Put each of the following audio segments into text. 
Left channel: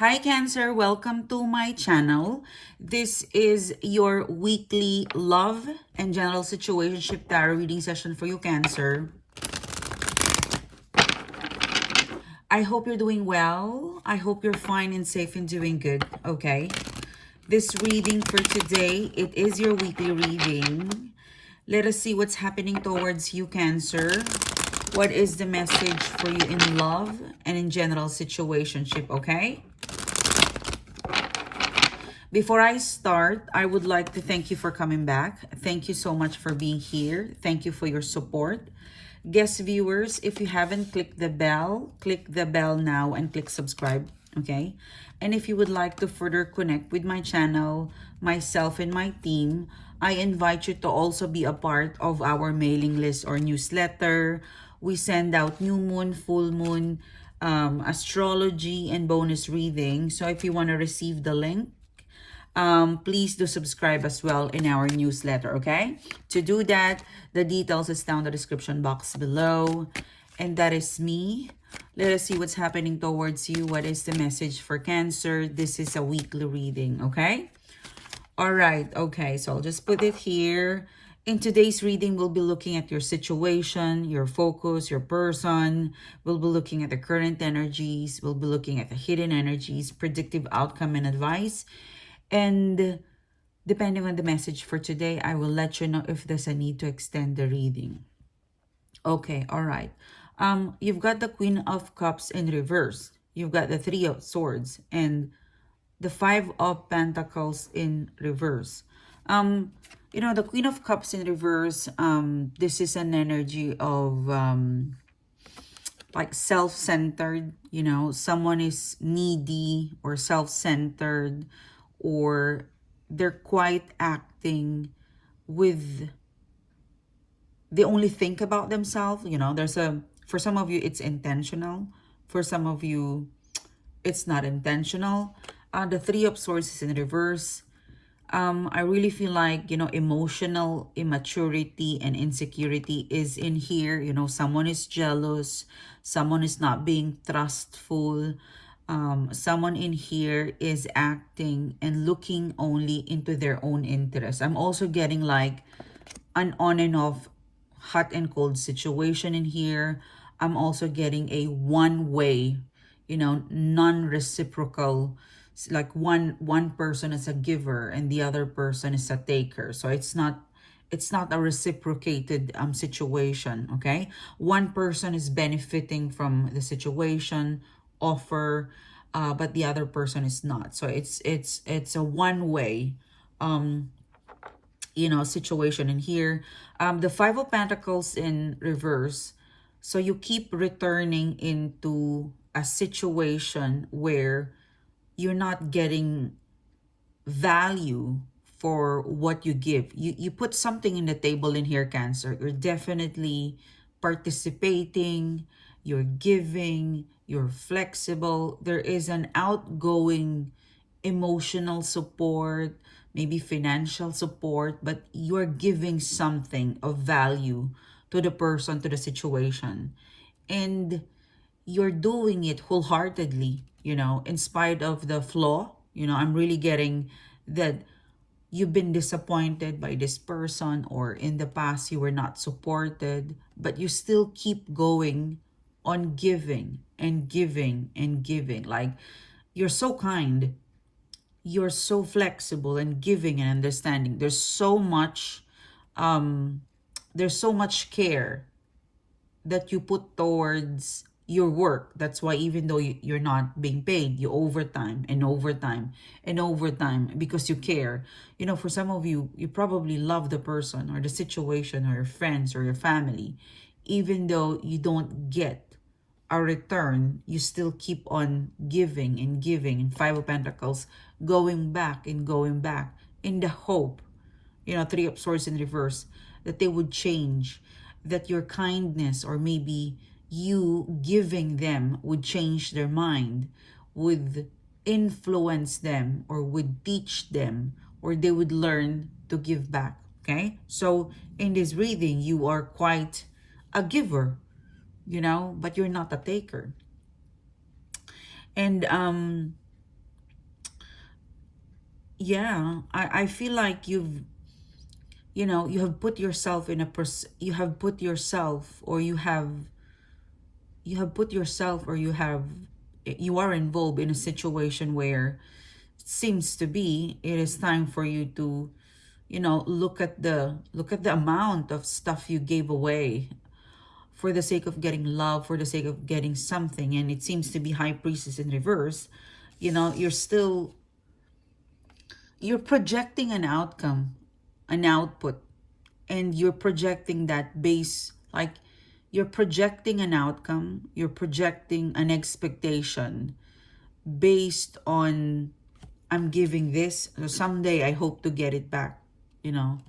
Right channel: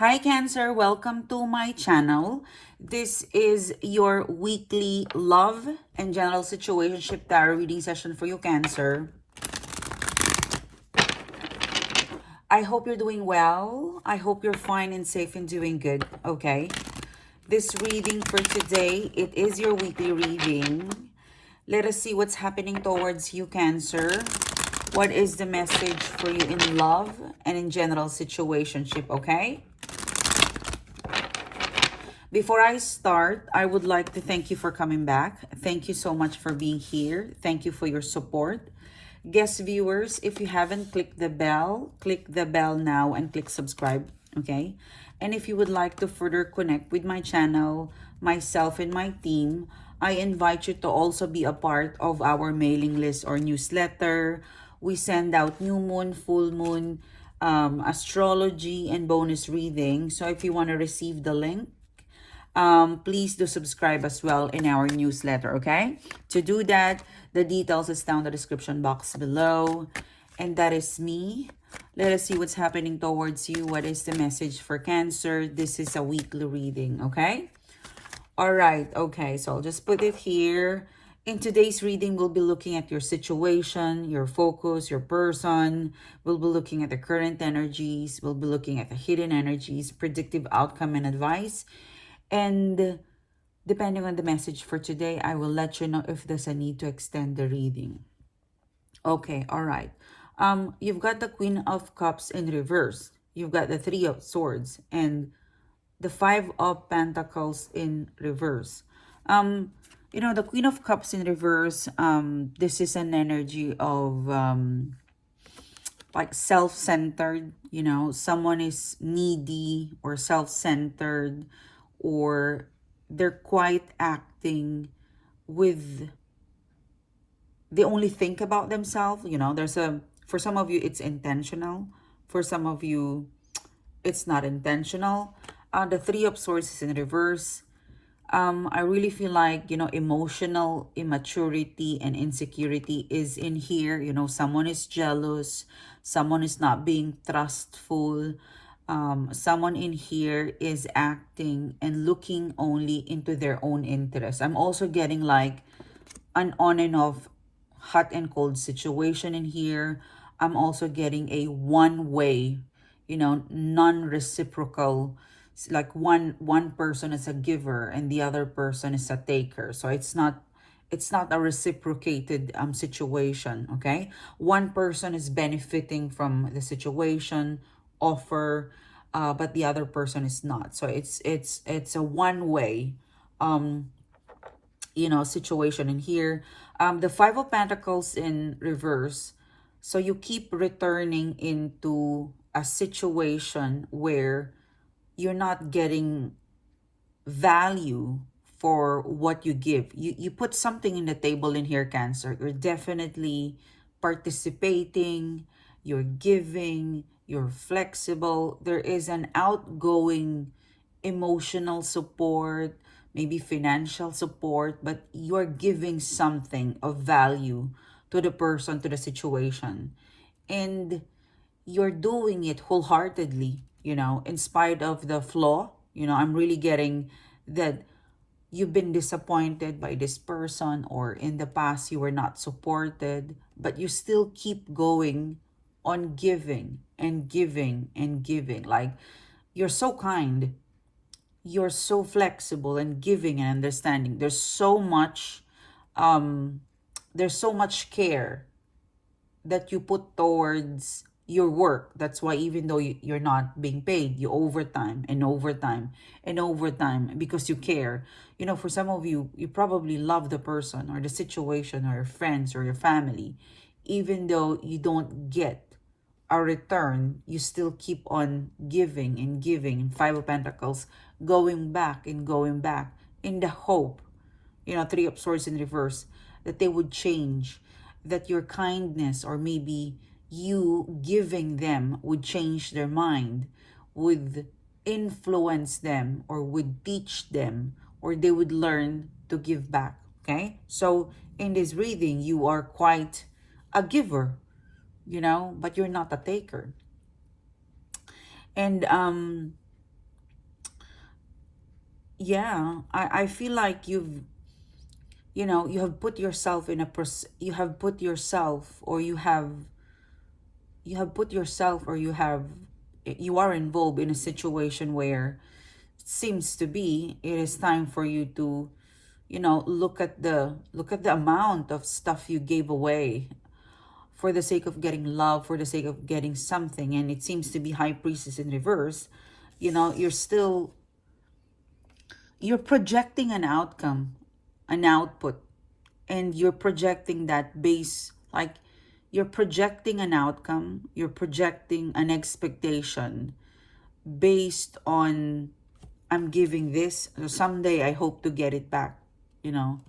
Hi Cancer, welcome to my channel. This is your weekly love and general situationship tarot reading session for you Cancer. I hope you're doing well. I hope you're fine and safe and doing good, okay? This reading for today, it is your weekly reading. Let us see what's happening towards you Cancer. What is the message for you in love and in general situationship, okay? Before I start, I would like to thank you for coming back. Thank you so much for being here. Thank you for your support. Guest viewers, if you haven't clicked the bell, click the bell now and click subscribe, okay? And if you would like to further connect with my channel, myself and my team, I invite you to also be a part of our mailing list or newsletter. We send out new moon, full moon, astrology, and bonus reading. So if you want to receive the link, please do subscribe as well in our newsletter, okay? To do that, the details is down the description box below. And that is me. Let us see what's happening towards you. What is the message for Cancer? This is a weekly reading, okay? All right, okay, so I'll just put it here. In today's reading, we'll be looking at your situation, your focus, your person. We'll be looking at the current energies. We'll be looking at the hidden energies, predictive outcome and advice. And depending on the message for today, I will let you know if there's a need to extend the reading. Okay, all right. You've got the Queen of Cups in reverse. You've got the Three of Swords and the Five of Pentacles in reverse. You know, the Queen of Cups in reverse, this is an energy of like self-centered, you know, someone is needy or self-centered, or they're quite acting with, they only think about themselves. You know, for some of you it's intentional, for some of you it's not intentional. The Three of Swords is in reverse. I really feel like, you know, emotional immaturity and insecurity is in here. You know, someone is jealous, someone is not being trustful. Someone in here is acting and looking only into their own interest. I'm also getting like an on and off hot and cold situation in here. I'm also getting a one-way, you know, non-reciprocal, like one person is a giver and the other person is a taker. So it's not a reciprocated situation, okay? One person is benefiting from the situation offer, but the other person is not. So it's a one-way you know, situation in here. The Five of Pentacles in reverse. So you keep returning into a situation where you're not getting value for what you give. You put something in the table in here, Cancer. You're definitely participating, you're giving, you're flexible. There is an outgoing emotional support, maybe financial support, but you're giving something of value to the person, to the situation. And you're doing it wholeheartedly, you know, in spite of the flaw. You know, I'm really getting that you've been disappointed by this person, or in the past you were not supported, but you still keep going on giving and giving and giving. Like, you're so kind, you're so flexible and giving and understanding. Um there's so much care that you put towards your work. That's why even though you're not being paid, you overtime and overtime and overtime because you care. You know, for some of you, you probably love the person or the situation or your friends or your family. Even though you don't get a return, you still keep on giving and giving. And Five of Pentacles, going back and going back in the hope, you know, Three of Swords in reverse, that they would change, that your kindness or maybe you giving them would change their mind, would influence them, or would teach them, or they would learn to give back, okay? So in this reading, you are quite a giver, you know, but you're not a taker. And yeah, I feel like you know, you have put yourself in a you have put yourself, or you have put yourself, or you are involved in a situation where it seems to be it is time for you to, you know, look at the amount of stuff you gave away for the sake of getting love, for the sake of getting something. And it seems to be High Priestess in reverse. You know, you're projecting an outcome, an output, and you're projecting that base, like you're projecting an outcome, you're projecting an expectation based on, I'm giving this, so someday I hope to get it back, you know,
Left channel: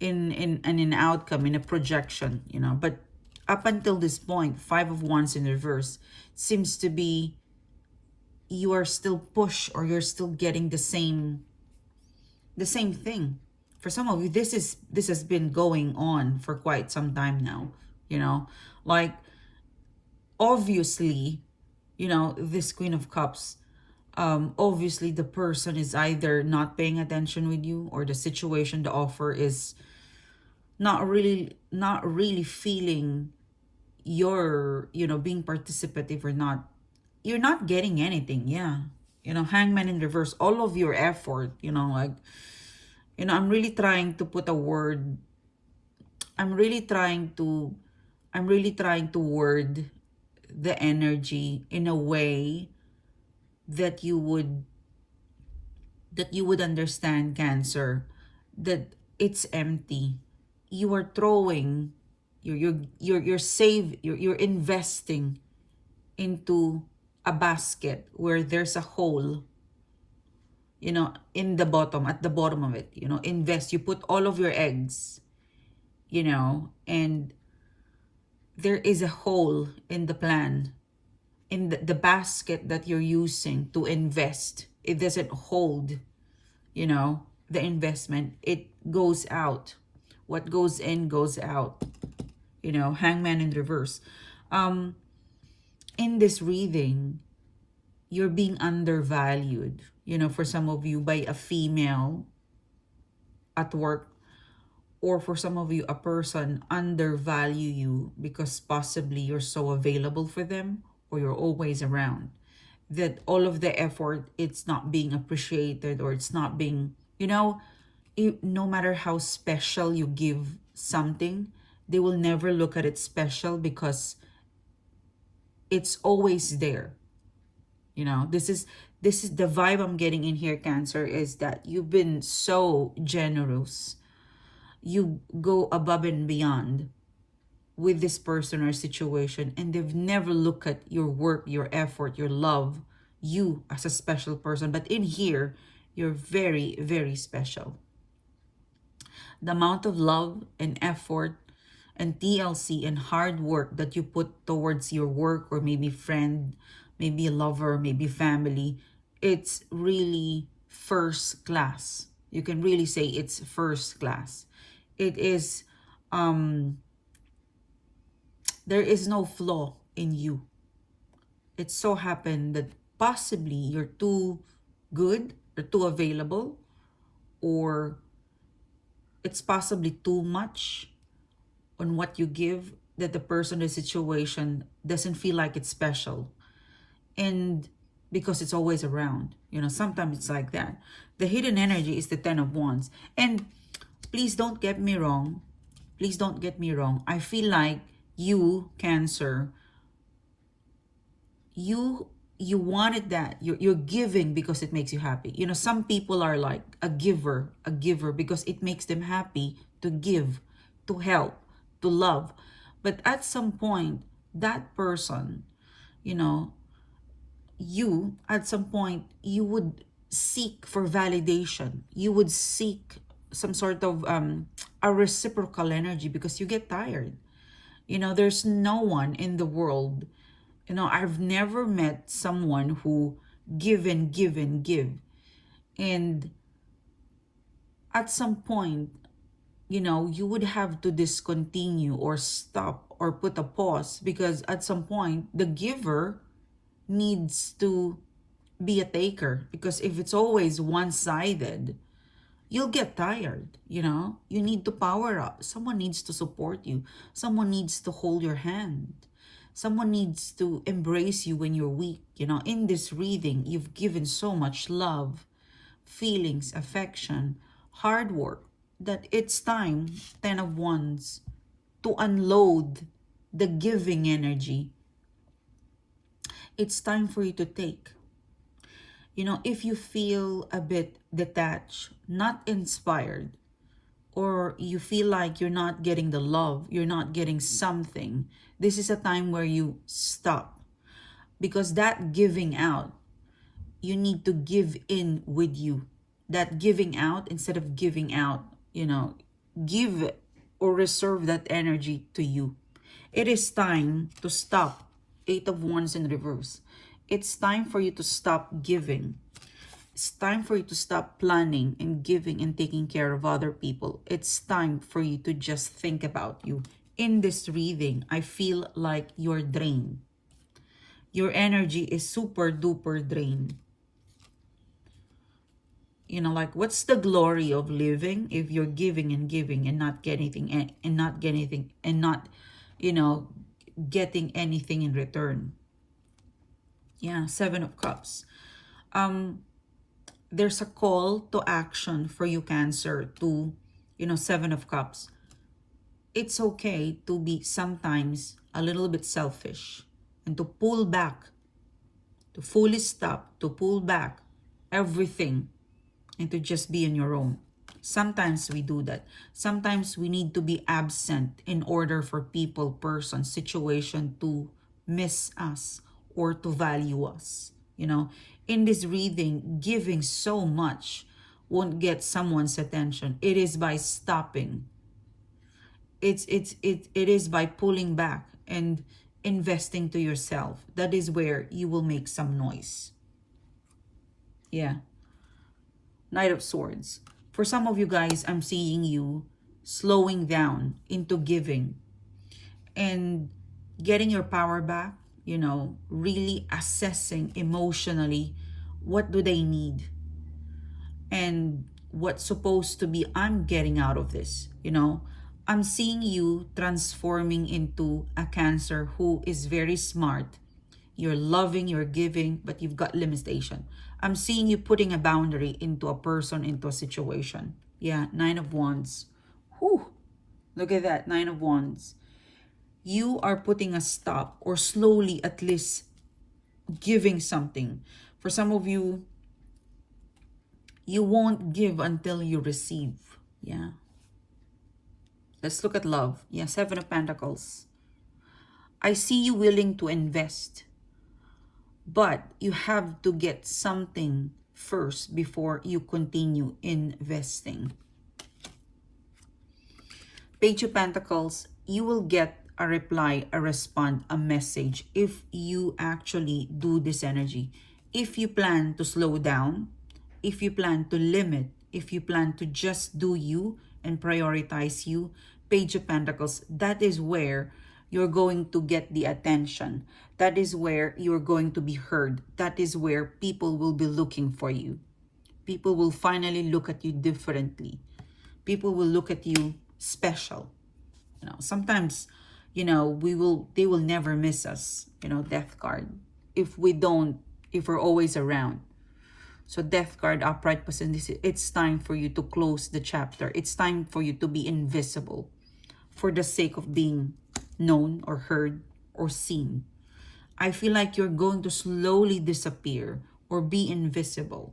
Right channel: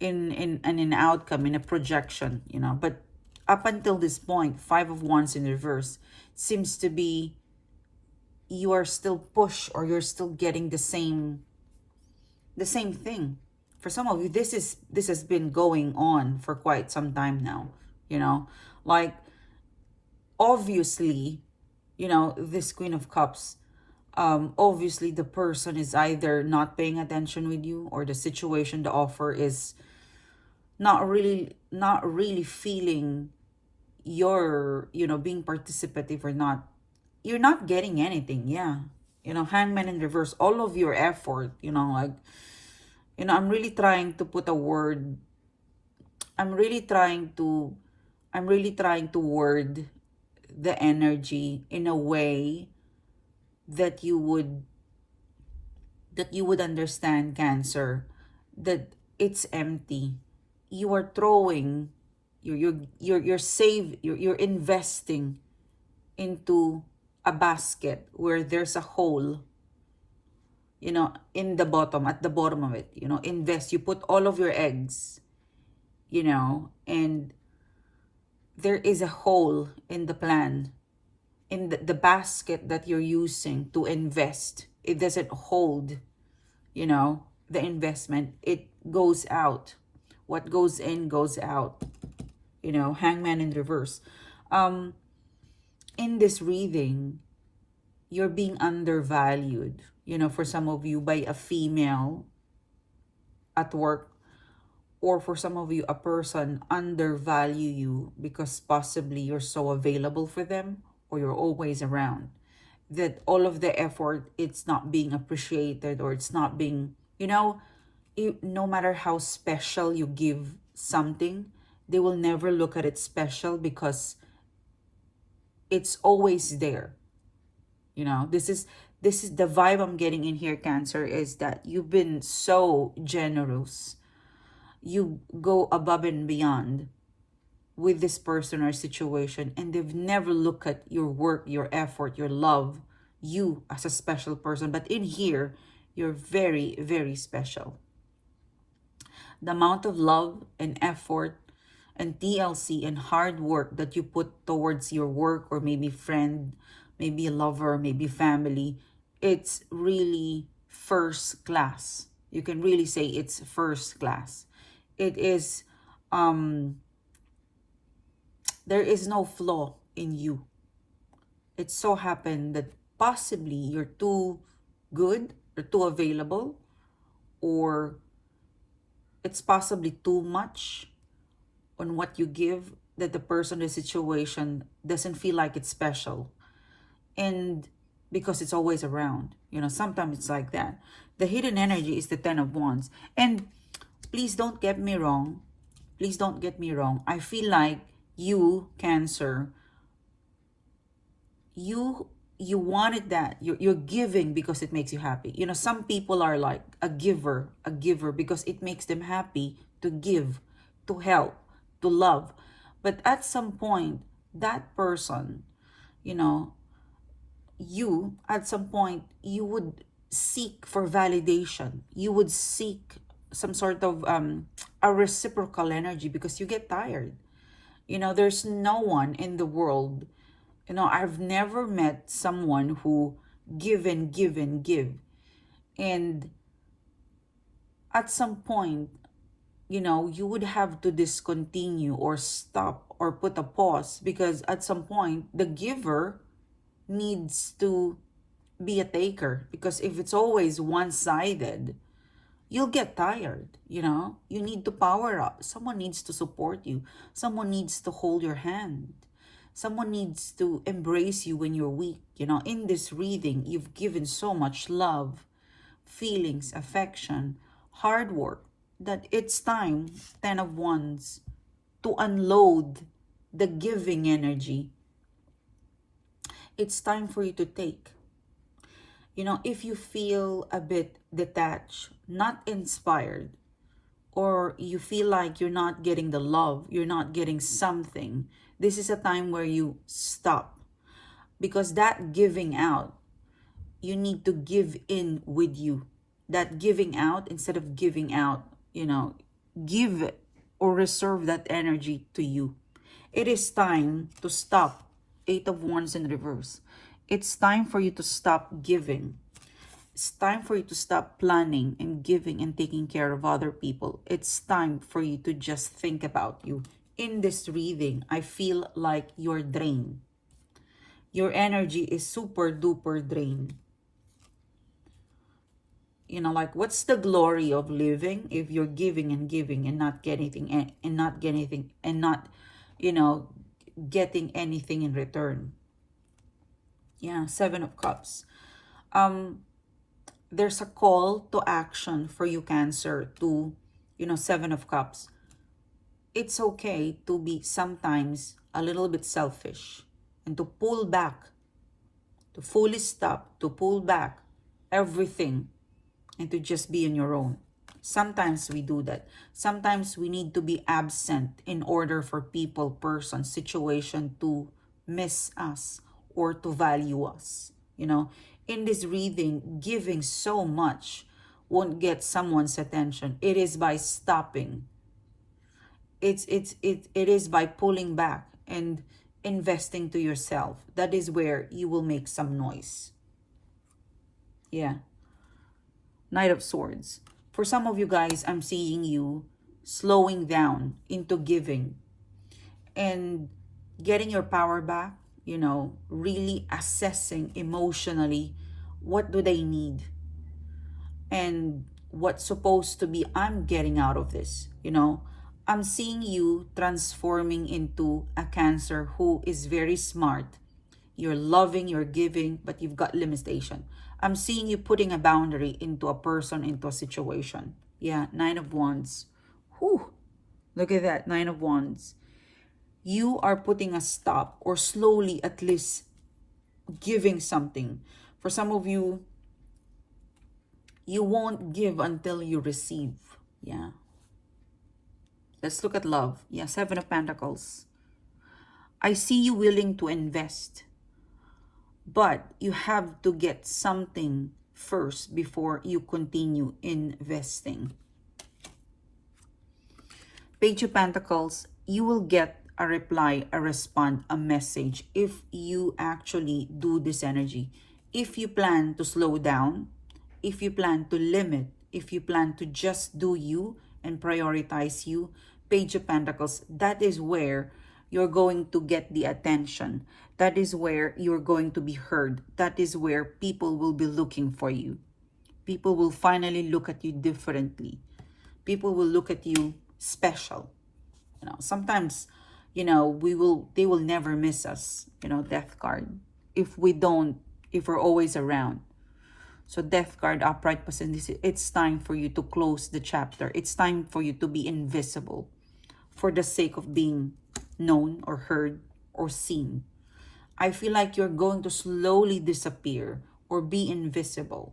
in an outcome, in a projection, you know. But up until this point, Five of Wands in reverse seems to be you are still push, or you're still getting the same thing. For some of you, this has been going on for quite some time now, you know. Like, obviously, you know, this Queen of Cups, obviously the person is either not paying attention with you, or the situation, the offer is not really feeling your, you know, being participative, or not, you're not getting anything. Yeah, you know, Hangman in reverse, all of your effort, you know, like, you know, I'm really trying to put a word, I'm really trying to word the energy in a way that you would understand, Cancer, that it's empty. You are throwing, you're investing into a basket where there's a hole, you know, in the bottom, at the bottom of it. You know, invest, you put all of your eggs, you know, and there is a hole in the plan, in the basket that you're using to invest. It doesn't hold, you know, the investment. It goes out. What goes in goes out, you know. Hangman in reverse. In this reading, you're being undervalued, you know, for some of you, by a female at work, or for some of you, a person undervalue you because possibly you're so available for them, or you're always around, that all of the effort, it's not being appreciated, or it's not being, you know, no matter how special you give something, they will never look at it special because it's always there. You know, this is the vibe I'm getting in here, Cancer, is that you've been so generous. You go above and beyond with this person or situation, and they've never looked at your work, your effort, your love, you as a special person. But in here, you're very, very special. The amount of love and effort and TLC and hard work that you put towards your work, or maybe friend, maybe a lover, maybe family, it's really first class. You can really say it's first class. It is, there is no flaw in you. It so happened that possibly you're too good, or too available, or it's possibly too much on what you give, that the person, the situation doesn't feel like it's special. And because it's always around, you know, sometimes it's like that. The hidden energy is the Ten of Wands. And please don't get me wrong. Please don't get me wrong. I feel like you, Cancer, you wanted that. You're giving because it makes you happy. You know, some people are like a giver because it makes them happy to give, to help, to love. But at some point, that person, you know, you, at some point, you would seek for validation. You would seek some sort of a reciprocal energy, because you get tired. You know, there's no one in the world, you know, I've never met someone who give and give and give. And at some point, you know, you would have to discontinue, or stop, or put a pause, because at some point, the giver needs to be a taker, because if it's always one-sided, you'll get tired. You need to power up. Someone needs to support you. Someone needs to hold your hand. Someone needs to embrace you when you're weak. In this reading, you've given so much love, feelings, affection, hard work, that it's time, 10 of Wands, to unload the giving energy. It's time for you to take. If you feel a bit detached, not inspired, or you feel like you're not getting the love, you're not getting something, this is a time where you stop. Because that giving out, you need to give in with you. That giving out, instead of giving out, give or reserve that energy to you. It is time to stop. 8 of Wands in reverse. It's time for you to stop giving. It's time for you to stop planning and giving and taking care of other people. It's time for you to just think about you. In this reading, I feel like you're drained. Your energy is super duper drained. Like, what's the glory of living if you're giving and giving and not getting anything, and not getting anything, and not, getting anything in return? Yeah, 7 of Cups. There's a call to action for you, Cancer, to, 7 of Cups. It's okay to be sometimes a little bit selfish and to pull back, to fully stop, to pull back everything and to just be on your own. Sometimes we do that. Sometimes we need to be absent in order for people, person, situation to miss us or to value us. In this reading, giving so much won't get someone's attention. It is by stopping. It is by pulling back and investing to yourself. That is where you will make some noise. Yeah. Knight of Swords. For some of you guys, I'm seeing you slowing down into giving and getting your power back, really assessing emotionally what do they need and what's supposed to be I'm getting out of this. I'm seeing you transforming into a Cancer who is very smart. You're loving, you're giving, but you've got limitation. I'm seeing you putting a boundary into a person, into a situation. Yeah, 9 of Wands. Whew. Look at that, 9 of Wands. You are putting a stop, or slowly at least giving something. For some of you, you won't give until you receive. Yeah. Let's look at love. Yeah, 7 of Pentacles. I see you willing to invest, but you have to get something first before you continue investing. Page of Pentacles, you will get a reply, a response, a message if you actually do this energy. If you plan to slow down, if you plan to limit, if you plan to just do you and prioritize you, Page of Pentacles, that is where you're going to get the attention. That is where you're going to be heard. That is where people will be looking for you. People will finally look at you differently. People will look at you special. Sometimes, they will never miss us, Death card. If we're always around. So Death card, upright position, it's time for you to close the chapter. It's time for you to be invisible for the sake of being known or heard or seen. I feel like you're going to slowly disappear or be invisible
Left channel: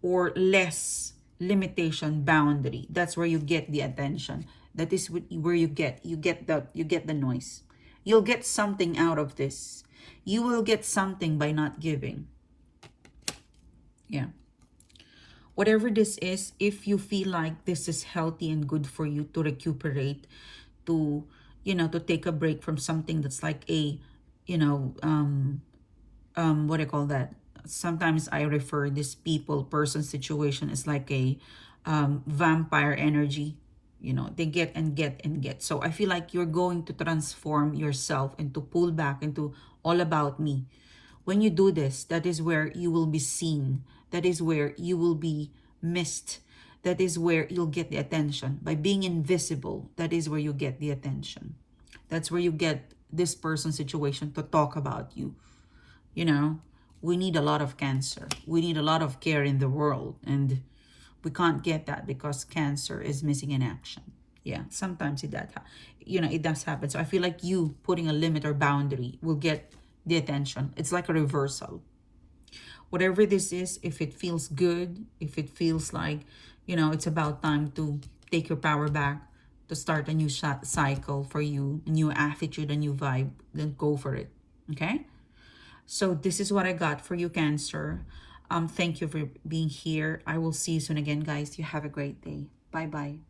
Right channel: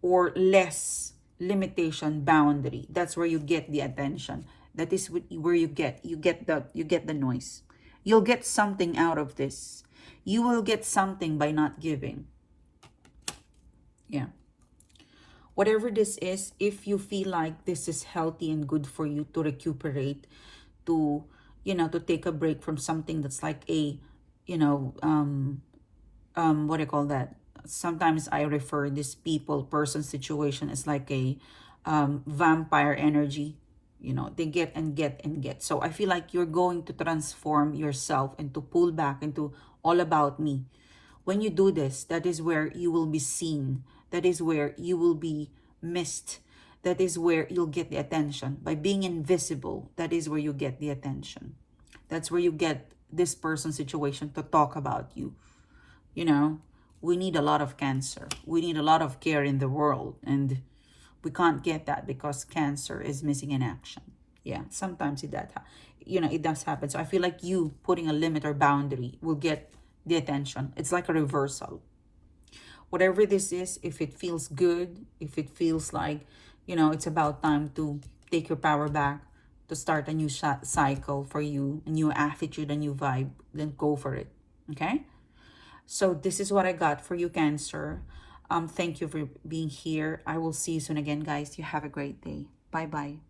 or less limitation, boundary. That's where you get the attention. That is where you get the noise. You'll get something out of this. You will get something by not giving. Yeah. Whatever this is, if you feel like this is healthy and good for you to recuperate, to to take a break from something that's like a what do you call that? Sometimes I refer this person situation as like a vampire energy. They get and get and get. So I feel like you're going to transform yourself and to pull back into all about me. When you do this, that is where you will be seen. That is where you will be missed. That is where you'll get the attention. By being invisible, that is where you get the attention. That's where you get this person's situation to talk about you. You know, we need a lot of Cancer. We need a lot of care in the world. And we can't get that because Cancer is missing in action. Yeah, sometimes it does happen. So I feel like you putting a limit or boundary will get the attention. It's like a reversal. Whatever this is, if it feels good, if it feels like, it's about time to take your power back, to start a new cycle for you, a new attitude, a new vibe, then go for it. Okay? So this is what I got for you, Cancer. Thank you for being here. I will see you soon again, guys. You have a great day. Bye-bye.